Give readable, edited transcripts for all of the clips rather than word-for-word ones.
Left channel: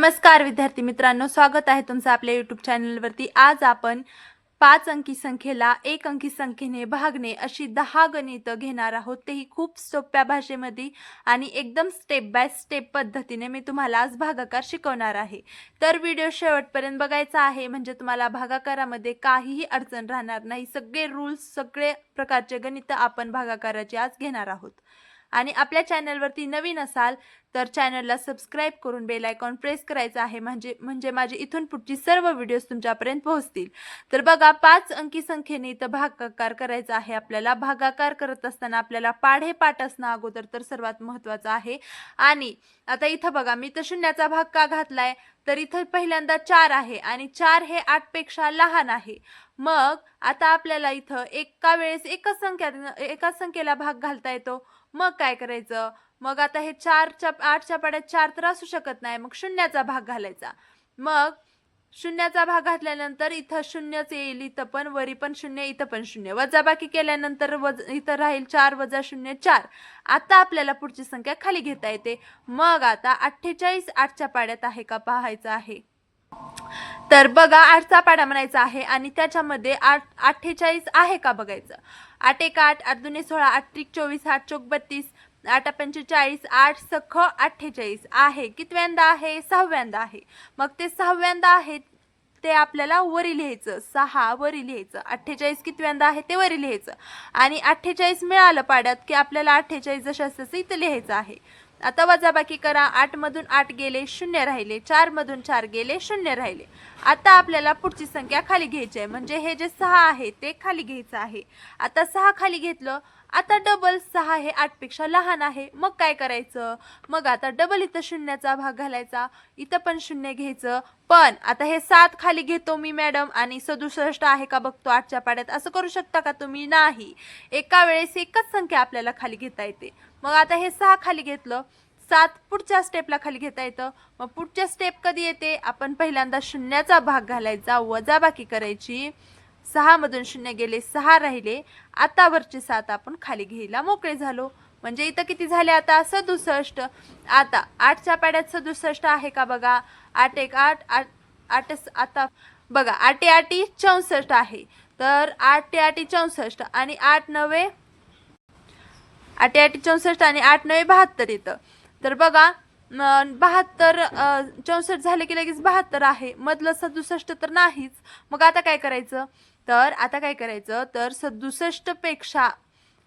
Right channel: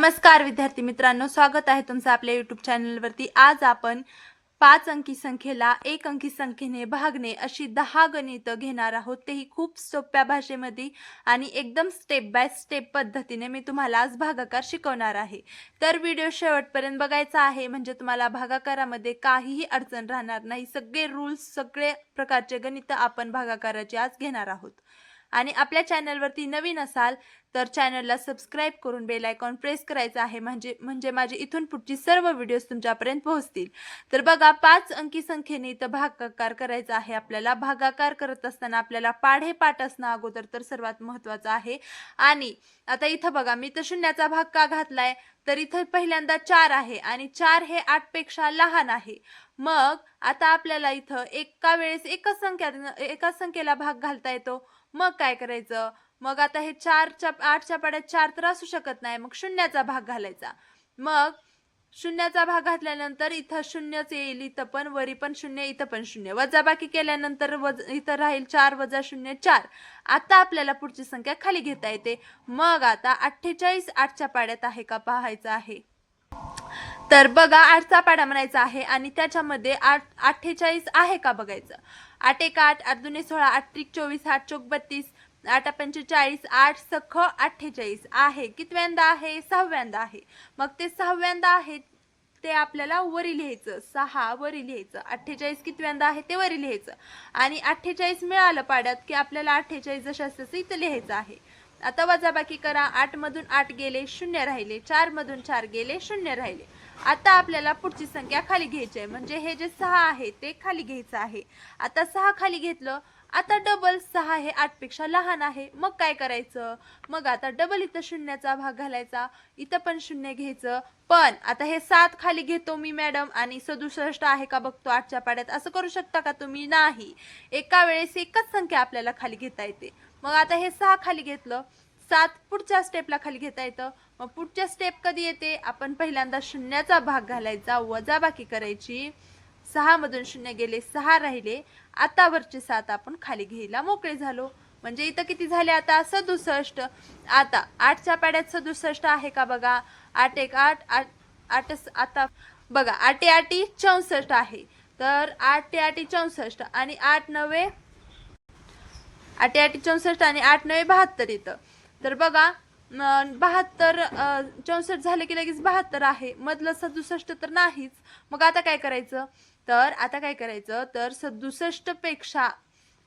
नमस्कार विद्यार्थी मित्रांनो, स्वागत आहे तुमचं आपल्या यूट्यूब चॅनलवरती। आज आपण 5 अंकी संख्येला 1 अंकी संख्येने भागणे अशी 10 गणितं घेणार आहोत, तेही खूप सोप्या भाषेमध्ये आणि एकदम स्टेप बाय स्टेप पद्धतीने मी तुम्हाला आज भागाकार शिकवणार आहे। तर व्हिडिओ शेवटपर्यंत बघायचा आहे, म्हणजे तुम्हाला भागाकारामध्ये काहीही अडचण राहणार नाही। सगळे रूल्स, सगळे प्रकारचे गणितं आपण भागाकाराचे आज घेणार आहोत। आणि आपल्या चॅनलवरती नवीन असाल तर चॅनलला सबस्क्राइब करून बेल आयकॉन प्रेस करायचा आहे, म्हणजे माझी इथून पुढची सर्व व्हिडिओज तुमच्यापर्यंत पोहोचतील। तर बघा, 5 अंकी संख्येने इथं भागाकार करायचा आहे आपल्याला। भागाकार करत असताना आपल्याला पाढे पाठ असणं अगोदर तर सर्वात महत्त्वाचं आहे। आणि आता इथं बघा, मी तर शून्याचा भाग का घातलाय, तर इथं पहिल्यांदा 4 आहे आणि 4 हे 8 पेक्षा लहान आहे। मग आता आपल्याला इथं एका वेळेस एका संख्येला भाग घालता येतो। मग काय करायचं, मग आता हे 8च्या पाड्यात 4 तर असू शकत नाही, मग शून्याचा भाग घालायचा। मग शून्याचा भाग घातल्यानंतर इथं शून्यच येईल, इथं पण वरी पण शून्य, इथं पण शून्य। वजाबाकी केल्यानंतर इथं राहील 4 वजा 0 4। आता आपल्याला पुढची संख्या खाली घेता येते। मग आता 48 8च्या पाड्यात आहे का पाहायचं आहे। तर बघा, 8चा पाडा म्हणायचा आहे आणि त्याच्यामध्ये 48 आहे का बघायचं। 8 1 8, 8 2 16, 8 3 24, 8 4 32, 8 45, 8 सख 48 आहे। कितव्यांदा आहे, सहाव्यांदा आहे। मग ते सहाव्यांदा आहे ते आपल्याला वरी लिहायचं, 6 वरी लिहायचं। 48 कितव्यांदा आहे ते वरी लिहायचं आणि 48 मिळालं पाड्यात की आपल्याला 48 जशास तसं इथं लिहायचं आहे। आता वजाबाकी करा, 8 मधून 8 गेले, 0 राहिले, 4 मधून 4 गेले, 0 राहिले। आता आपल्याला पुढची संख्या खाली घ्यायची आहे, म्हणजे हे जे 6 आहे ते खाली घ्यायचं आहे। आता 6 खाली घेतलं, आता डबल 6 हे 8 पेक्षा लहान आहे। मग काय करायचं, मग आता डबल इथं शून्याचा भाग घालायचा, इथं पण 0 घ्यायचं। पण आता हे 7 खाली घेतो मी मॅडम आणि 67 आहे का बघतो 8च्या पाड्यात, असं करू शकता का तुम्ही? नाही, एका वेळेस एकच संख्या आपल्याला खाली घेता येते। मग आता हे 6 खाली घेतलं, 7 पुढच्या स्टेपला खाली घेता येतं। मग पुढच्या स्टेप कधी येते, आपण पहिल्यांदा शून्याचा भाग घालायचा, वजाबाकी करायची, 6 मधून 0 गेले, 6 राहिले। आता वरचे 7 आपण खाली घ्यायला मोकळे झालो, म्हणजे इथं किती झाले आता 67। आता 8च्या पाड्यात 67 आहे का बघा, 8 1 8 8 आता बघा 8 8 64 आहे। तर 8 8 64 आणि 8 9 8 8 64 आणि 8 9 72 येतं। तर बघा 72 64 झाले की लगेच 72 आहे, मधलं 67 तर नाहीच। मग आता काय करायचं, तर 67 पेक्षा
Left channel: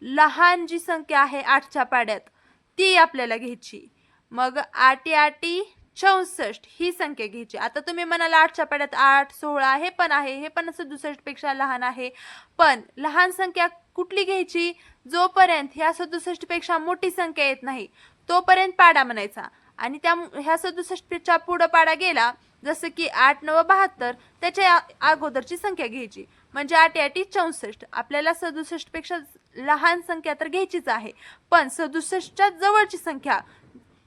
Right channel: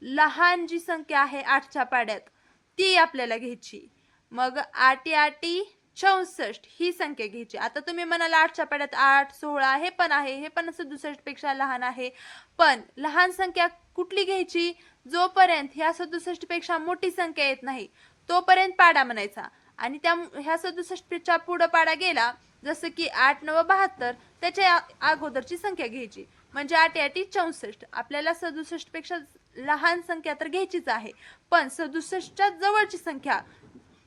लहान जी संख्या आहे 8च्या पाड्यात ती आपल्याला घ्यायची। मग 8 8 64 ही संख्या घ्यायची। आता तुम्ही म्हणाला 8च्या पाड्यात 8 16 हे पण आहे, हे पण 67 पेक्षा लहान आहे। पण लहान संख्या कुठली घ्यायची, जोपर्यंत ह्या 67 पेक्षा मोठी संख्या येत नाही तोपर्यंत पाडा म्हणायचा। आणि त्या ह्या 67 च्या पुढे पाडा गेला, जसं की 8 9 72, त्याच्या अगोदरची संख्या घ्यायची, म्हणजे 8 8 64। आपल्याला 67 पेक्षा लहान संख्या तर घ्यायचीच आहे, पण 67च्या जवळची संख्या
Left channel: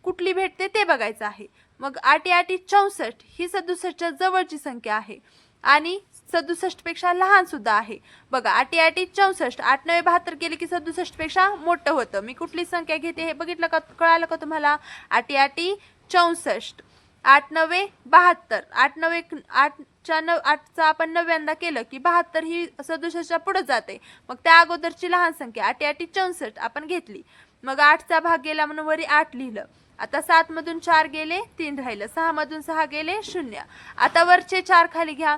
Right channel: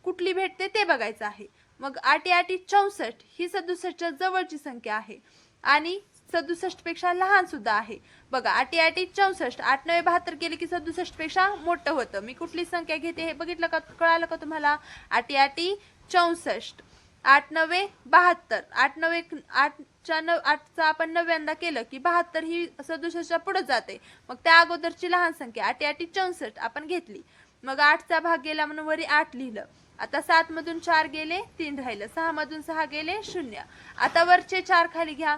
कुठली भेटते ते बघायचं आहे। मग 8 8 64 ही 67च्या जवळची संख्या आहे आणि 67 पेक्षा लहान सुद्धा आहे। बघा 8 8 64, 8 9 72 केले की 67 पेक्षा मोठं होतं। मी कुठली संख्या घेते हे बघितलं का, कळालं का तुम्हाला? 8 8 64, 8 9 72, 8 9 8चा आपण 9व्यांदा केलं की 72 ही 67च्या पुढे जाते। मग त्या अगोदरची लहान संख्या 8 8 64 आपण घेतली। मग 8चा भाग गेला म्हणून वरी 8 लिहिलं। आता 7 मधून 4 गेले, 3 राहिलं, 6 मधून 6 गेले, 0। आता वरचे 4 खाली घ्या,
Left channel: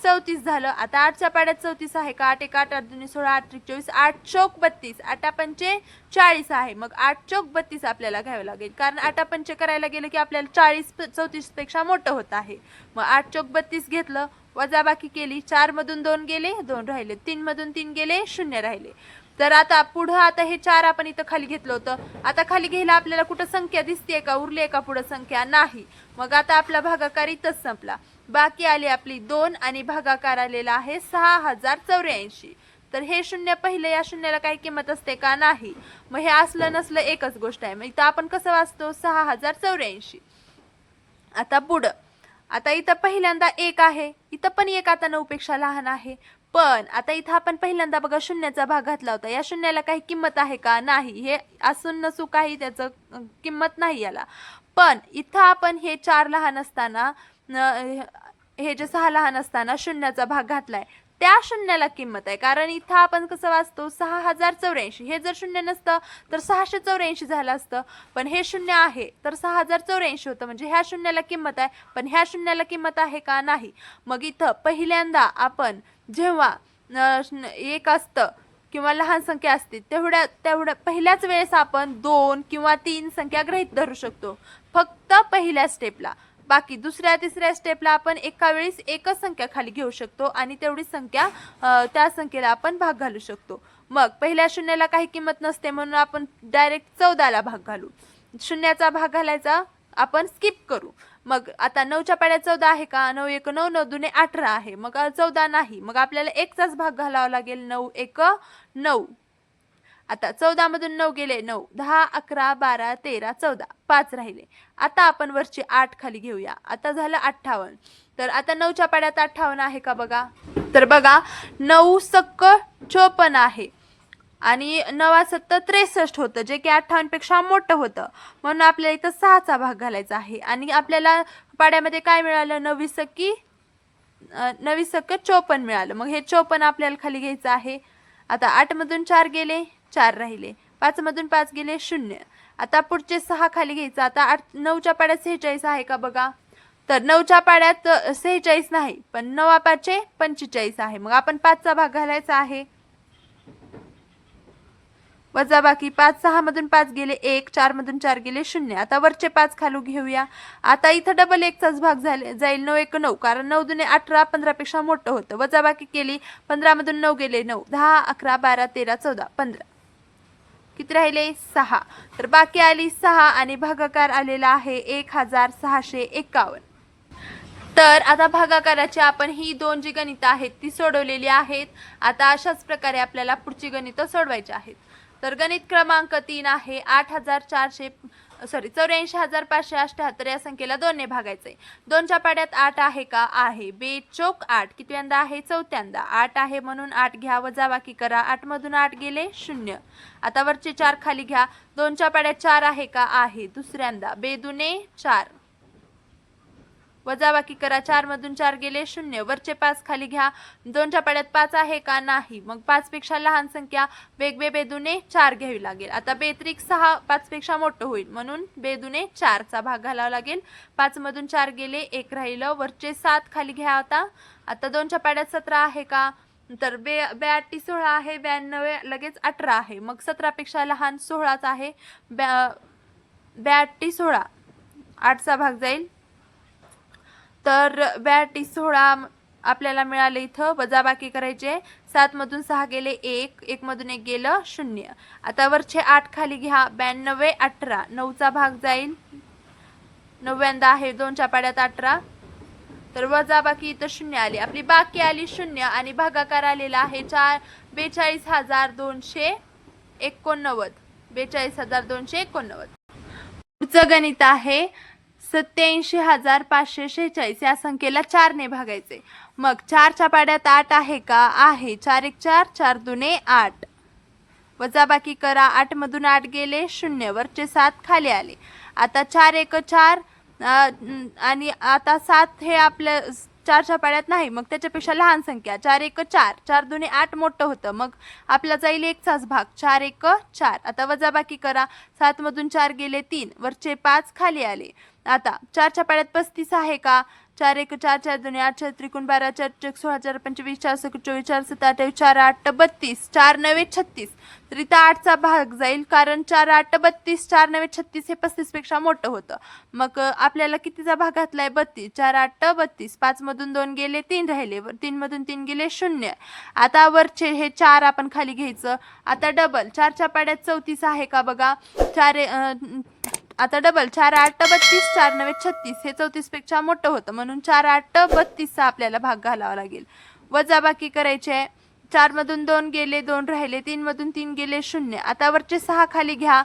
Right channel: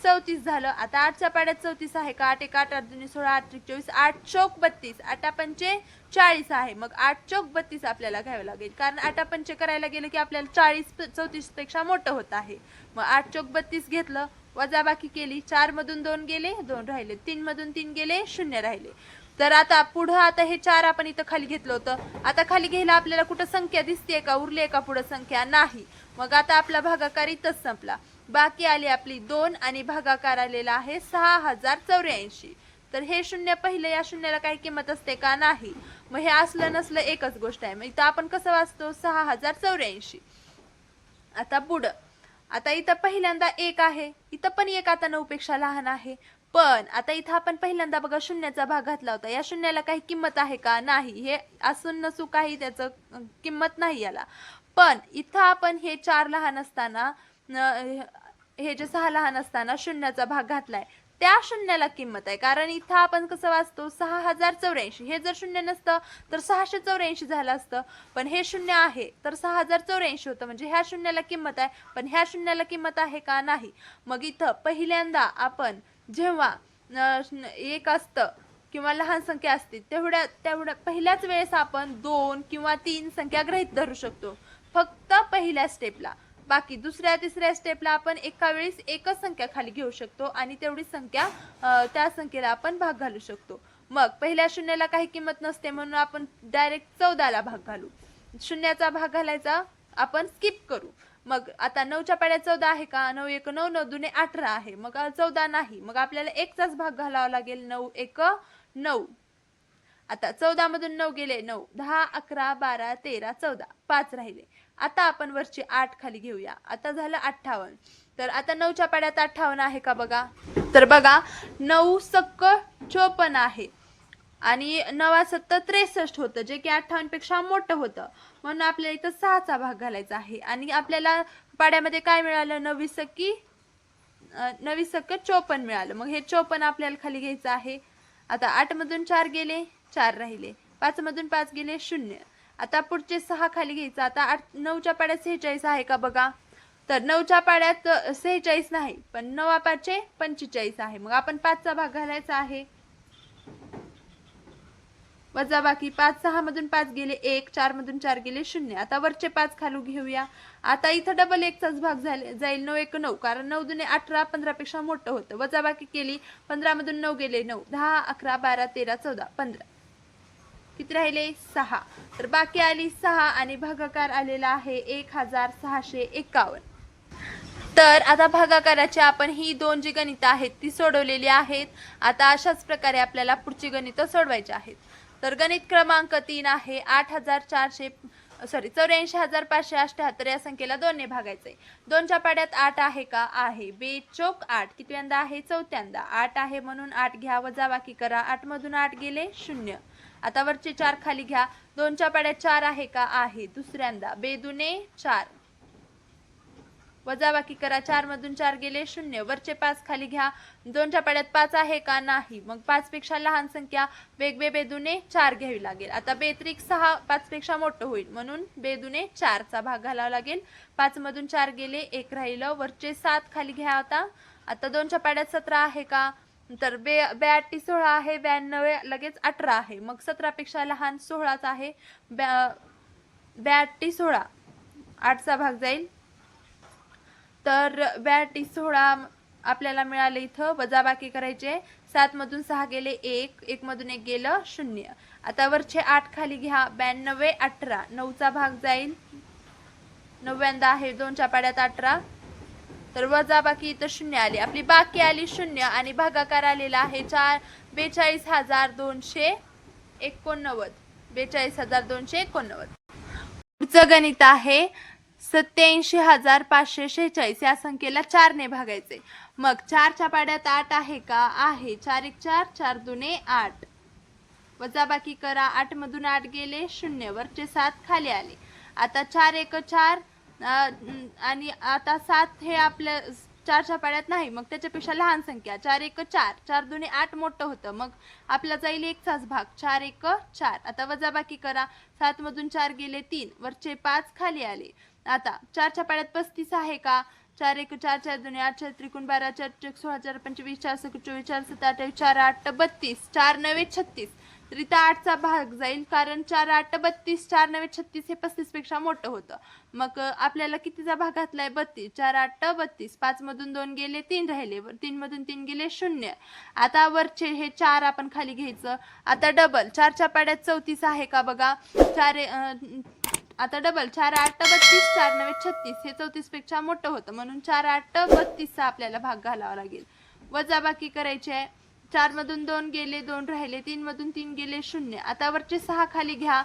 34 झालं। आता 8च्या पाड्यात 34 आहे का, 8 1 8 8 2 16, 8 3 24, 8 चौक 32, 8 पंचे 40 आहे। मग 8 चौक 32 आपल्याला घ्यावं लागेल, कारण 8 पंचे करायला गेलं की आपल्याला 40 34 पेक्षा मोठं होत आहे। मग 8 चौक 32 घेतलं, वजाबाकी केली, 4 मधून 2 गेले, 2 राहिले, 3 मधून 3 गेले, 0 राहिले। तर आता पुढं आता हे 4 आपण इथं खाली घेतलं होतं, आता खाली घ्यायला आपल्याला कुठं संख्या दिसते का, उरली आहे का पुढं संख्या? नाही। मग आता आपला भागाकार इथंच संपला। बाकी आली आपली 2 आणि भागाकार आलेला आहे 6084। तर हे शून्य पहिलं, या शून्याला काही किंमत असते का? नाही। मग हे असलं नसलं एकच गोष्ट आहे। मग इथं आपण कसं वाचतो, 6084। आता पुढं, आता इथं पहिल्यांदा 1 आहे, इथं पण 1 आता 9 पेक्षा लहान आहे। पण आता इथं आपण पहिल्यांदा बघा शून्याचा भाग घातला होता, या शून्याला काही किंमत आहे का? नाही। हे असून नसू काही त्याचं किंमत नाही याला। पण इथं आपण हे 4 लहान असताना हे जे 6 लहान असताना शून्याचा भाग घातलाय, त्या शून्याला किंमत आहे. कारण इथं आपण कसं वाचतो 6084. हे जर शून्य नसतं तर 684 झालं असतं, पण हे शून्य आहे तर 6084 होतं. म्हणजे ह्या शून्याला किंमत आहे, पण ह्या शून्याला किंमत आहे का? नाही. मग इथं पहिल्यांदा आपण जेव्हा एक असतं किंवा लहान संख्या असते तेवढ्या पहिल्याच वेळेस आपण 2 किंवा 3 संख्या गृहीत धरू शकतो, फक्त पहिल्या स्टेपला. बाकी दुसऱ्या तिसऱ्या स्टेपला आपण एका वेळेस एकच संख्या खाली घेऊ शकतो आणि तेवढी संख्या त्या संख्येला आपण भाग घालू शकतो. मग पहिल्या शून्याला काही किंमत नसते म्हणून आपण डायरेक्ट 14ला भाग घालू. शून्याचा भाग घालायचा आपण स्किप करू. मग आता 9च्या पाड्यात 14 आहे का? 9 1 9, 9 2 18 आहे. मग 14 नाही. मग आपल्याला 1चाच भाग घालावा लागेल. 9 1 9. आता 14 मधून 9 गेले 9, 10 11 12 13 14, 5 राहिले. आता आपण वरची 8 खाली घेऊया. आता झालं 58. तर आता 9च्या पाड्यात 58 आहे का बघा? तर बघा 9 सक्क 54 आहे आणि 9 7 63 होतं, जे की 58 पेक्षा मोठं होतं. म्हणून आपल्याला इथं 6चा भाग घालायचा आहे आणि आपल्याला पाड्यामध्ये काय मिळालं? 9 सक्की 54 मिळालं. मग हे 54 आपल्याला खाली घ्यायचं आहे. आता 8 मधून 4 गेले 4 राहिले. 5 मधून 5 गेले 0. आता पुढचे 6 खाली घ्यायचं. आता 9च्या पाड्यात 46 आहे का बघा? तर 9च्या पाड्यात 46 नाही, पण 9 5 45 आहे. मग आपण 5चा भाग घालायचा आहे. वजाबाकी 5 6 मधून 5 गेले 1, 4 मधून 4 गेले 0. आता वरचे 5 खालू घेऊया. आता इथं डबल 1चाच भाग जाईल. 9 1 9, कारण 9 2 18, 15 पेक्षा मोठं होतं. वजाबाकी केली. 15 मधून 9 गेले 9, 10 11 12 13 14 15. किती राहिले? 6. तर बाकी आली 6 आणि भागाकार आलेला आहे 1651. तर आता भागाकाराची आपण ही 2 जी गणितं आहेत ती सोडवलेली आहेत. आता अशाच प्रकारे आपल्याला पुढची गणितं सोडवायची आहेत. तर गणित क्रमांक 3 आहे 84,578 या संख्येला 2 ने भागायचे. 2च्या पाड्यात 8 आहे का? आहे. 2 चौक 8 कितव्यांदा आहे? चौथ्यांदा. 8 आहे म्हणून 8 घ्या, वजाबाकी करा. 8 मधून 8 गेले 0. आता वरचे 4 खाली घ्या. 2च्या पाड्यात 4 आहे का? आहे. दुसऱ्यांदा. 2 दुने 4, वजाबाकी करा. 4 मधून 4 गेले 0. वरचे 5 खाली घ्या. 2च्या पाड्यात 5 आहे का? नाही. मग 5 पेक्षा लहान संख्या वेगवेगळे दुने 4 घ्यावी लागेल. आता बेत्रिक 6 5 पेक्षा मोठं होईल म्हणून 2 दुने 4चा भाग घालावा लागेल. 5 मधून 4 गेले 1 राहिलं. वरचे 7 खाली घ्या. आता 2च्या पाड्यात 17 आहे का? तर 2 8 16 आहे. 92 लगेच 18 आहे. मग 17 पेक्षा लहान 16च आहे. 2 8 16, 8चा भाग जाईल. तर 2 8 16 आपल्याला मिळाले. इथं वजाबाकी करायचे. 7 मधून 6 गेले 1, 1 मधून 1 गेलं 0. आता वरचे 8 खाली घ्या. 92 18, 9चा भाग जाईल. 9व्यांदा आहे. 2च्या पाड्यात 18, तर वजाबाकी इथं 0 आली. आपली बाकी आली 0 आणि भागाकार आलेला आहे 42,289. 42,289. पुढचं गणित आहे 87,546 या संख्येला 4 ने भागायचे. मग 4च्या पाड्यात 8 आहे का? आहे. 4 1 4, 4 2 8, वजाबाकी करा. 8 मधून 8 गेले 0. वरचे 7 खाली आले. आता 4 1 4 आणि आता 7 हे आपल्या 4च्या पाड्यात नाही, मग त्याच्यापेक्षा लहान संख्या 4 1 4, 4 2 8 मोठं होतं. मग आपला जाईल 1चाच भाग 4 1 4. आता वजाबाकी करा. 7 मधून 4 गेले 3, वरचे 5 खाली आले. आता 4च्या पाड्यात 35 आहे का? 4 1 4, 4 2 8, 4 त्रिकोण 12, 4 1 16, 4 25, 4 6 24, 4 7 28, 4 8 32, 4 9 36. तर इथं 8चा भाग जाईल, कारण 4 8 32, 4 9 36 हे 35 पेक्षा मोठं होतं. मग आपल्याला कितीचा भाग घातलाय? 32. 4 8 32. 5 मधून 2 गेले 3 राहिले. 3 मधून 3 गेले 0. आता वरचे हे 4 आपण खाली घ्यायचं. आता डबल 4च्या पाड्यात 34 आहे का बघा? आता डबल 4 8 32, 4 9 36 हे 34 पेक्षा मोठं होतं म्हणून 4 8 32चा आपल्याला भाग घालावा लागेल. वजाबाकी करायचे. 4 मधून 2 गेले 2 राहिले. 3 मधून 3 गेले 0. आता वरचे 6 खाली घ्या.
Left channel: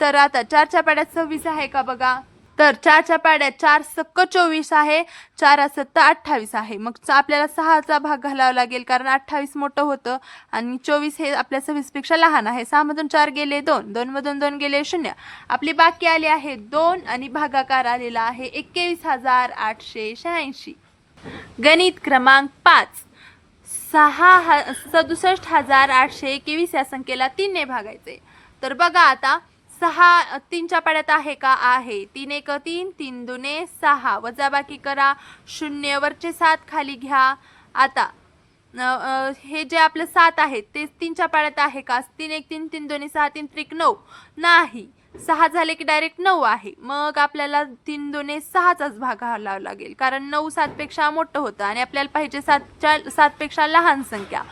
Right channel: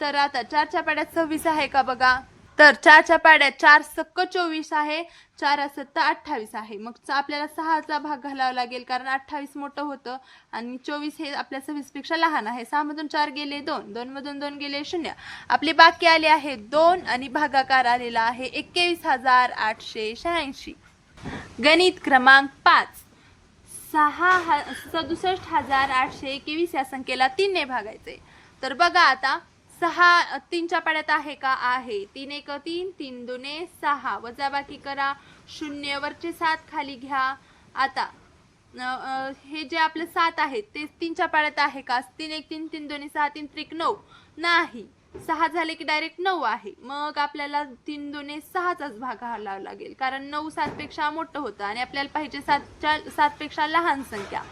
तर आता 4च्या पाड्यात 26 आहे का बघा? तर 4च्या पाड्यात 4 सक्क 24 आहे, 4 सत्त 28 आहे. मग आपल्याला 6चा भाग घालावा लागेल कारण 28 मोठं होतं आणि 24 हे आपल्या 26 पेक्षा लहान आहे. 6 मधून 4 गेले 2, 2 मधून 2 गेले 0. आपली बाकी आली आहे 2 आणि भागाकार आलेला आहे 21,886. गणित क्रमांक 5. 67,821 या संख्येला 3 ने भागायचे. तर बघा आता 6 3च्या पाड्यात आहे का? आहे. 3 1 3, 3 2 6. वजाबाकी करा. 0 वरचे 7 खाली घ्या. आता हे जे आपलं 7 आहे ते 3च्या पाड्यात आहे का? 3 1 3, 3 2 6, 3 3 9 नाही. 6 झाले की डायरेक्ट 9 आहे. मग आपल्याला 3 2 6चाच भाग घालावा लागेल कारण 9 7 पेक्षा मोठं होतं आणि आपल्याला पाहिजे 7 पेक्षा लहान संख्या.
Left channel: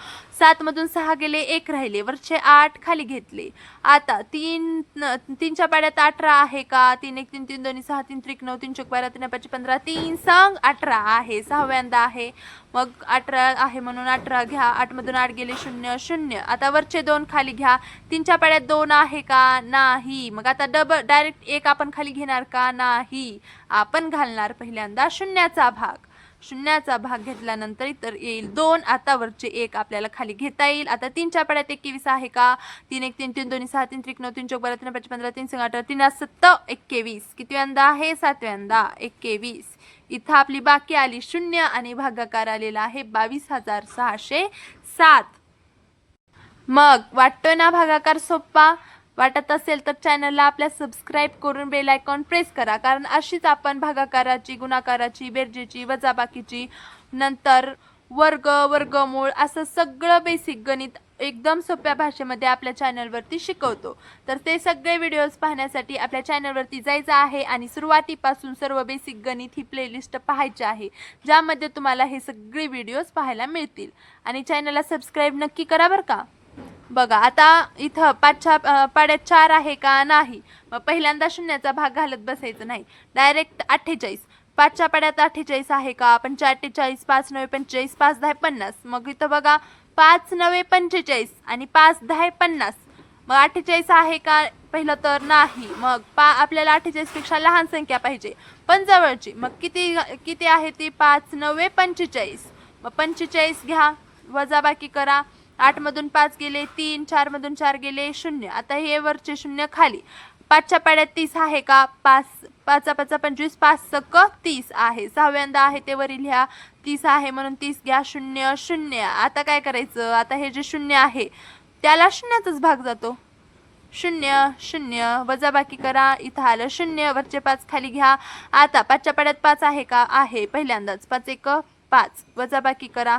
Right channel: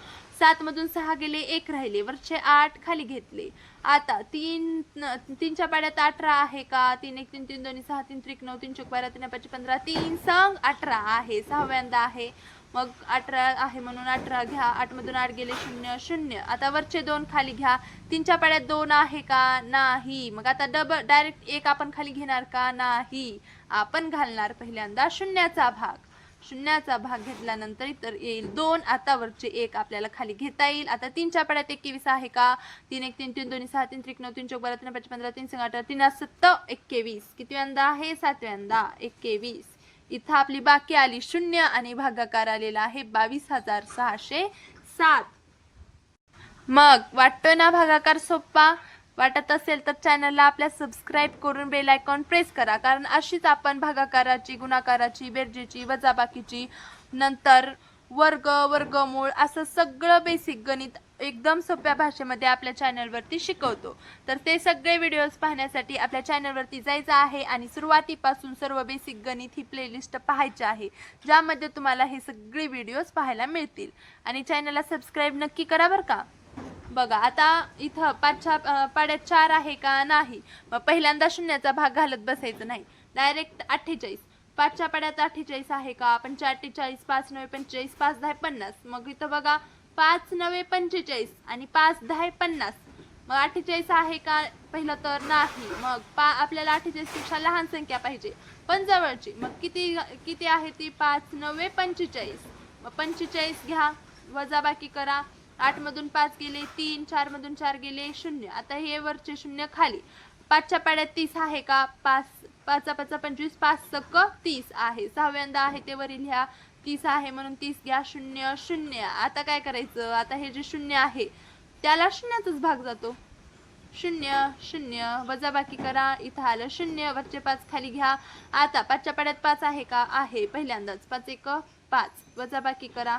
7 मधून 6 गेले 1 राहिले, वरचे 8 खाली घेतले. आता 3च्या पाड्यात 18 आहे का? 3 1 3, 3 2 6, 3 3 9, 3 4 12, 3 5 15, 3 संग 18 आहे. 6व्यांदा आहे. मग 18 आहे म्हणून 18 घ्या. 8 मधून 8 गेले 0 0. आता वरचे 2 खाली घ्या. 3च्या पाड्यात 2 आहे का? नाही. मग आता डायरेक्ट 1 आपण खाली घेणार का? नाही. आपण घालणार पहिल्यांदा शून्याचा भाग. शून्याचा भाग घेतल्यानंतर इतर येईल 2. आता वरचे 1 आपल्याला खाली घेता येईल. आता 3च्या पाड्यात 21 आहे का? 3 1 3, 3 2 6, 3 3 9, 3 4 12, 3 5 15, 3 6 18, 3 7 21. कितव्यांदा आहे? 7व्यांदा 21. इथं आपली बाकी आली 0 आणि भागाकार आलेला आहे 22,607. मग वाटतोय ना भागाकार सोपा? वाटत असेल तर चॅनलला आपल्या सबस्क्राईब करून बेल आयकॉन प्रेस करा कारण अशीच आपण भागाकाराची, गुणाकाराची, बेरजेची, वजाबाकीची, नंतर वर्ग, वर्गमूळ असं सगळं बेसिक गणित एकदम सोप्या भाषेमध्ये आपल्या चॅनलवरती शिकवतो. तर ते सगळे व्हिडिओज पाहण्यासाठी आपल्या चॅनलवरती जायचं आहे आणि सुरुवातीपासून सर्व बेसिक गणित ही प्लेलिस्ट पाहायची आहे ज्यामध्ये तुम्हाला हे सगळे व्हिडिओज पाहायला मिळतील. आणि चॅनलला सबस्क्राईब नक्की करा बरं का. बघा आता इथं 5च्या पाड्यात 4 आहे का? नाही. मग पहिल्यांदा शून्याचा भाग घालत बसायचं नाही, डायरेक्ट 48. 5च्या पाड्यात 48 आहे का? आपण 4 48, 5 9 45, 5 10 50. मग इथं बघा 5 9 45 आणि 5 10 50. मग 48 आहे का? पहिलं तर नाही. मग आपल्याला 48 पेक्षा लहान संख्या पाहिजे पण जवळची. मग किती आहे ती? 5 9 45. मग 45 घ्या. वजाबाकी करा. 8 मधून 5 गेले 3, 4 मधून 4 गेले 0. आता हे वरचे 0 खाली. 5च्या पाड्यात 30 आहे का? 5 5 5 25, 5 सक्क 30 आहे. 6व्यांदा आहे ते वरी लिहा. 30 आहे म्हणून 30 घ्या. 0 0. आता काय करायचं? आता हे जे 0 आहे त्याला शून्याचाच भाग जातो. 0 0. वजाबाकी करा. इथं आलं 0, वरचे 5 खाली घ्या. आता 5च्या पाड्यात 5 आहे का? आहे. पहिल्यांदाच 5 1 5. वजाबाकी करा.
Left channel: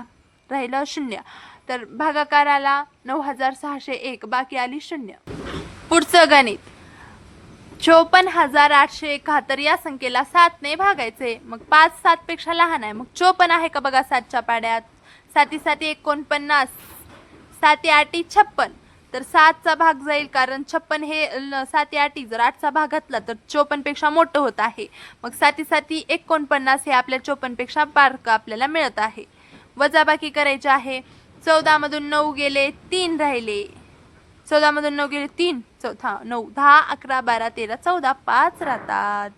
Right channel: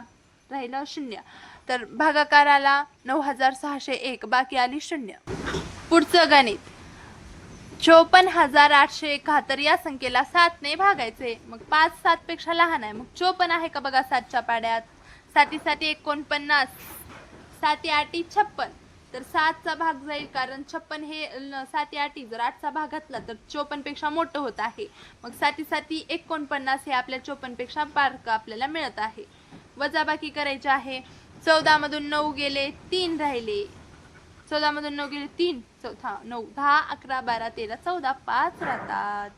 राहिलं 0. तर भागाकाराला 9,601. बाकी आली 0. पुढचं गणित 54,871 या संख्येला 7 ने भागायचे. मग 5 7 पेक्षा लहान आहे. मग 54 आहे का? बघा 7च्या पाड्यात. 7 7 49, 7 8 56. तर 7चा भाग जाईल कारण 56 हे 7 8 जर 8चा भाग घातला तर 54 पेक्षा मोठं होत आहे. मग 7 7 49 हे आपल्या 54 पेक्षा बारकं आपल्याला मिळत आहे. वजाबाकी करायची आहे. 14 मधून 9 गेले 3 राहिले. 14 मधून 9 गेले 3, 14 9 10 11 12 13 14 5 राहतात.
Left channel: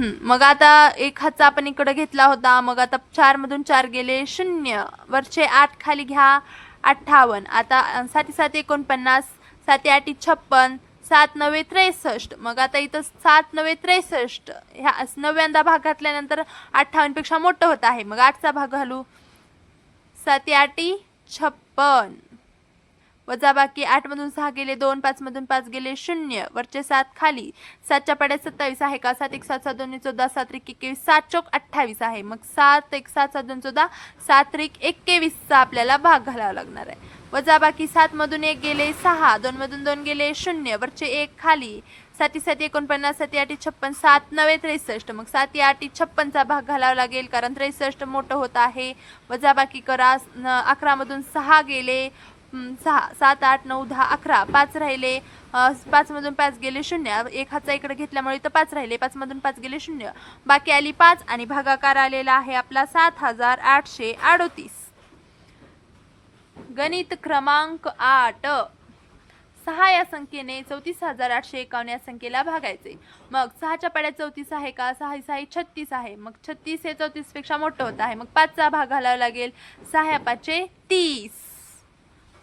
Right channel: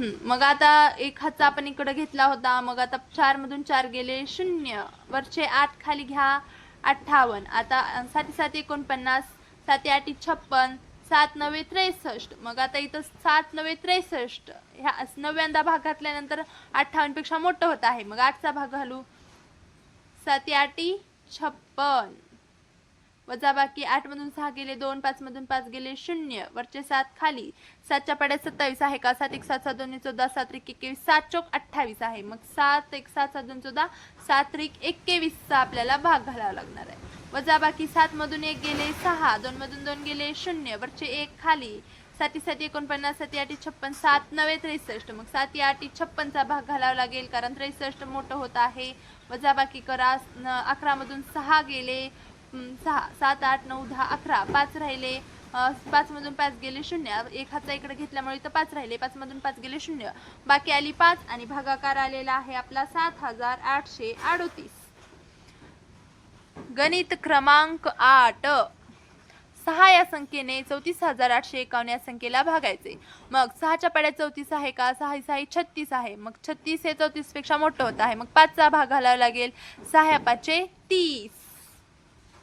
मग आता एक हातचा आपण इकडे घेतला होता. मग आता 4 मधून 4 गेले 0, वरचे 8 खाली घ्या 58. आता 7 7 49, 7 8 56, 7 9 63. मग आता इथं 7 9 63 ह्या 9व्यांदा भाग घातल्यानंतर 58 पेक्षा मोठं होत आहे. मग 8चा भाग घालू. 7 8 56. वजाबाकी 8 मधून 6 गेले 2, 5 मधून 5 गेले 0, वरचे 7 खाली. 7च्या पाड्यात 27 आहे का? 7 1 7 7 2 14, 7 1 21, 7 चौक 28 आहे. मग 7 1 7 7 2 14, 7 1 21चा आपल्याला भाग घालावा लागणार आहे. वजाबाकी 7 मधून 1 गेले 6, 2 मधून 2 गेले 0, वरचे 1 खाली. 7 7 49, 7 8 56, 7 9 63. मग 7 8 56चा भाग घालावा लागेल कारण 63 मोठं होत आहे. वजाबाकी करा. 11 मधून 6 गेले 6, 7 8 9 10 11, 5 राहिले. 5 मधून 5 गेले 0, एक हातचा इकडे घेतल्यामुळे इथं 5 राहिले. 5 मधून 5 गेले 0, बाकी आली 5 आणि भागाकार आलेला आहे आपला 7,838. गणित क्रमांक 8. 6 या संख्येने 34,851 या संख्येला भागायचे. मग 6च्या पाड्यात 34 आहे का? 6 6 36 आहे. मग 36 हे 34 पेक्षा मोठं होत आहे. मग 5चा भाग घालावा लागेल. 6 या 5 30.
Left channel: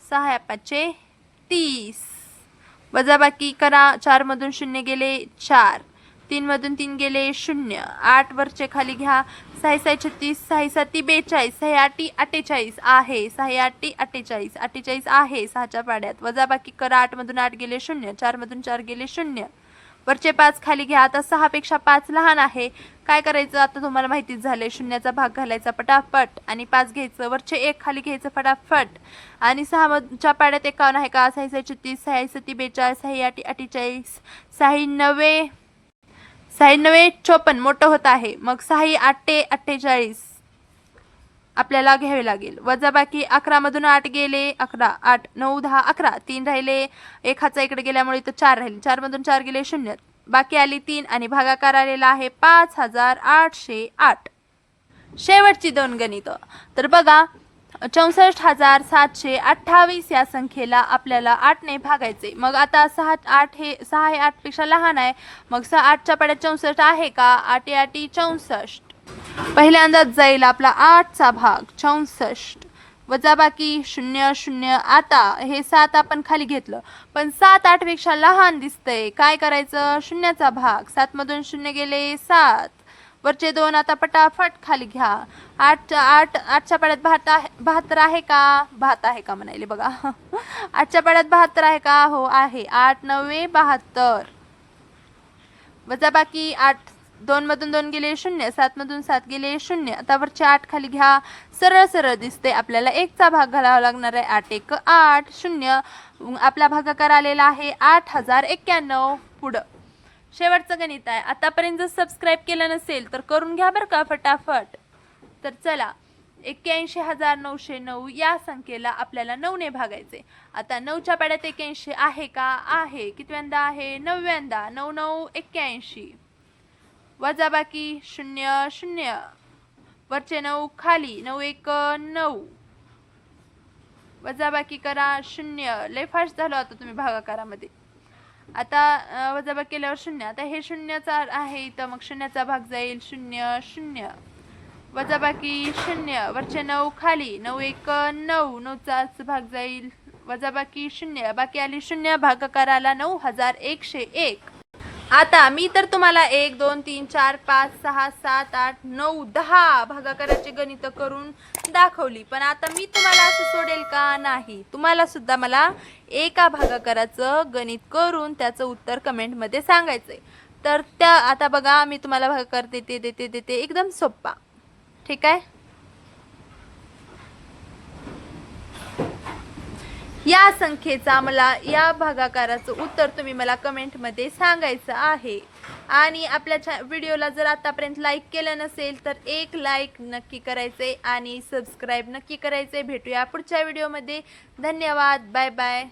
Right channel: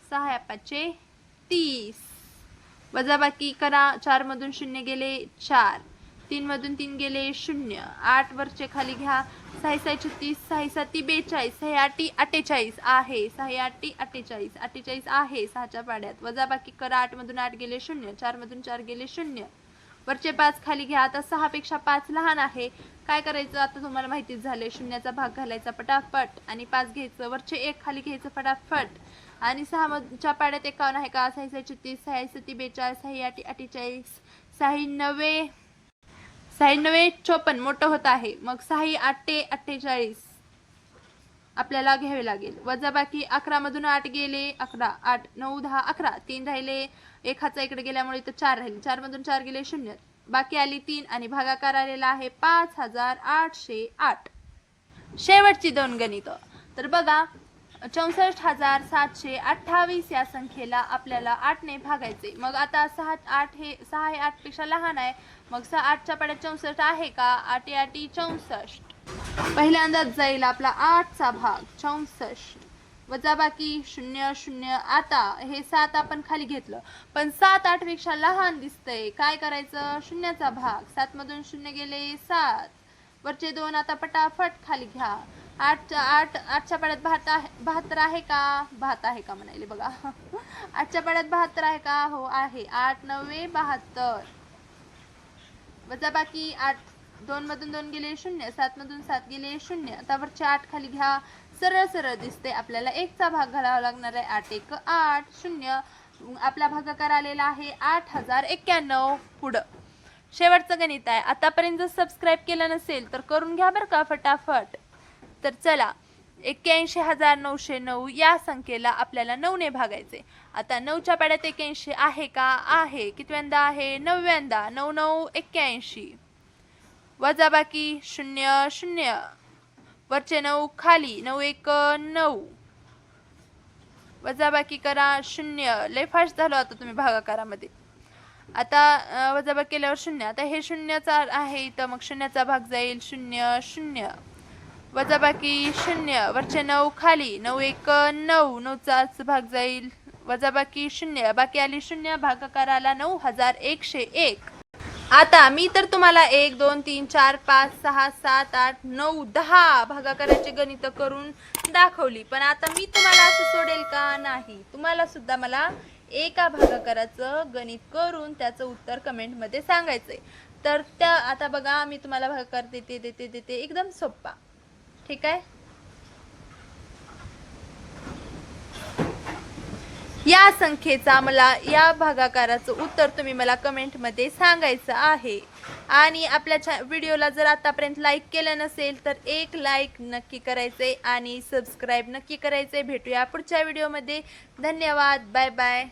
6 या 5 30. वजाबाकी करा. 4 मधून 0 गेले 4. 3 मधून 3 गेले 0. 8 वरचे खाली घ्या. 6 6 36. 6 7 42. 6 8 48 आहे. 6 8 48. 48 आहे 6च्या पाड्यात. वजाबाकी करा. 8 मधून 8 गेले 0. 4 मधून 4 गेले 0. वरचे 5 खाली घ्या. आता 6 पेक्षा 5 लहान आहे. काय करायचं? आता तुम्हाला माहितीच झाले. शून्याचा भाग घालायचा पटापट आणि 5 घ्यायचं. वरचे 1 खाली घ्यायचं फटाफट. आणि 6च्या पाड्यात 51 आहे का? 6 6 36. 6 7 42. 6 8 48. 6 9 6 9 54 मोठं होत आहे. मग 6 8 48 आपल्याला घ्यावे लागेल. वजाबाकी 11 मधून 8 गेले 11. 8 9 10 11. 3 राहिले. 1 हाचा इकडे गेल्यामुळे इथं 4 राहिले. 4 मधून 4 गेले 0. बाकी आली 3 आणि भागाकार आलेला आहे 5808. शेवटची 2 गणितं. तर बघा 64,728 या संख्येला आपल्याला 8 ने भागायचे. मग आता 6 हे 8 पेक्षा लहान आहे. मग 8च्या पाड्यात 64 आहे का? 8 8 64. पहिल्यांदाच जाईल आपला 8चा भाग 64. वजाबाकी 0 0. आता हे 7 आपण खाली घेतलं पण 7 8 पेक्षा लहान दिसतंय. काय करायचं? शून्याचा भाग. 7 मधून 0 गेले 7. वरचे 2 आता पटापट खाली घ्या. 8च्या पाड्यात 72 आहे का? 72 आहे का म्हणाले बघा. 8च्या पाड्यात 72 आहे का? हो आहे. 8 9 72. वजाबाकी 8 2 मधून 2 गेले 0. 7 मधून 7 गेले 0. आता वरचे 8 खाली घ्या. सरळ सरळ दिसते. आपल्याला 1चा भाग घालावा लागणार आहे. 8 1 8 0. आपला भागाकार आलेला आहे 8091. पुढं शेवटचं गणित आहे. आतापर्यंत जर सबस्क्राईब केलं नसेल तर करून घ्या बरं का फटाफट. तर चला 81,909 या संख्येला आपल्याला 9 ने भागायचे. आता 9च्या पाड्यात 81 आहे का? आहे. कितव्यांदा आहे? 9व्यांदा. 9 9 81. वजाबाकी 0 0. वरचे 9 खाली. 9 1 9. वजाबाकी करा 0. लय फास्ट झालो आता तुम्ही भागाकारामध्ये. आता वजाबाकी केल्यावर 0. आता हे 0चा आहे इथं. मग 0चा भाग जाईल 0 0. वजाबाकी 0. वरचे 9 खाली. 9 1 9. 9चाच भाग जाईल. वजाबाकी 0. बाकी आली 0. भागाकाराला 9101. आता मी तर तुम्हाला 1 2 3 4 5 6 7 8 9 10 भागाकाराची गणितं करून दाखवली. पण आता मी तुम्हाला असं सोडेल का? नाही. तुम्हाला सुद्धा मला एका भागाकाराचं गणित करून त्याचं उत्तर कमेंटमध्ये सांगायचंय. तर त्या आता बघा मी तुम्हाला भागाकार देते एकदम सोप्पा. ठीक आहे. या संख्येचा मला या भागाकाराचं उत्तर तुम्ही मला कमेंटमध्ये सांगायचं आहे. आणि आपल्या व्हिडिओला जर आतापर्यंत लाईक केलं नसेल तर एक लाईक नक्की करायचे आणि सबस्क्राईब नक्की करायचे. भेटूया पुढच्या व्हिडिओमध्ये. धन्यवाद. Bye bye.